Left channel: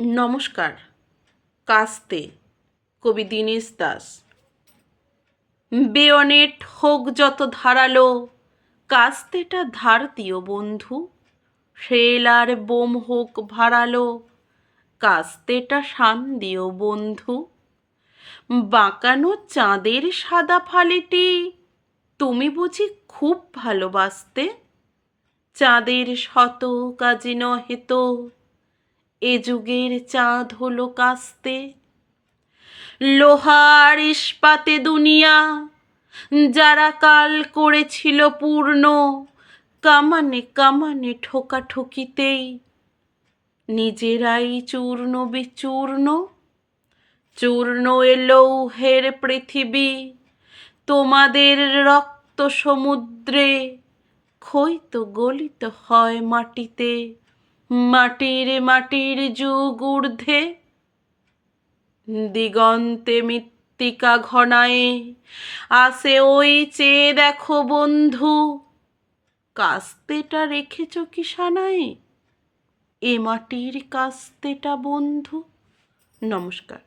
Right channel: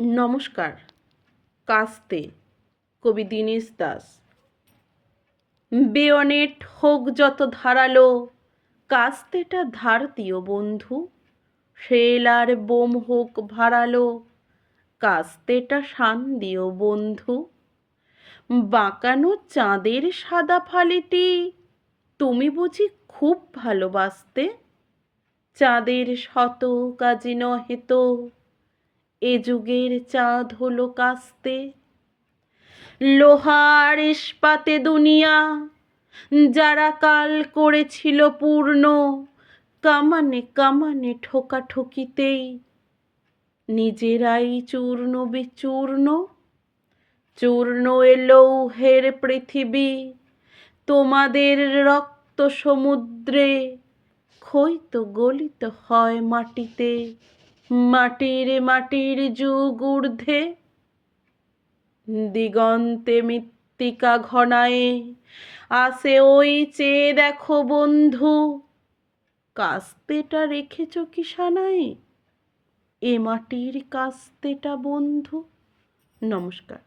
নমস্কার। কাস্তে, কবি দীনেশ দাস। বেয়নেট হোক যত ধারালো, কাস্তেটা ধার দিও বন্ধু। শেল আর বোম হোক ভাড়ালো কাস্তেটা শান দিও বন্ধু। বাঁকানো চাঁদের সাদা ফালিটি, তুমি বুঝি খুব ভালোবাসতে। চাঁদের শত কাজে নহে তো। এ যুগের চাঁদ হলো কাস্তে। লোহার ইস্পাতে দুনিয়া, যারা কাল করেছিল পূর্ণ, কামানে কামানে ঠোকা ঠোকাঠুকিতেই। নিজেরাই চূর্ণ বিচূর্ণ, চূর্ণ এলৌহের পৃথিবী, তোমাদের রক্ত সমুদ্রে ক্ষয়িত গলিত হয় মাটিতে। মাটির মাটির যুগ ঊর্ধ্বে, দিগন্তে মৃত্তিকা ঘনায়ে, আসে ওই চেয়ে দেখো বন্ধু, কাস্তেটা রেখেছ কি সানায়? এ মাটির কাস্তেটা বন্ধু। নমস্কার।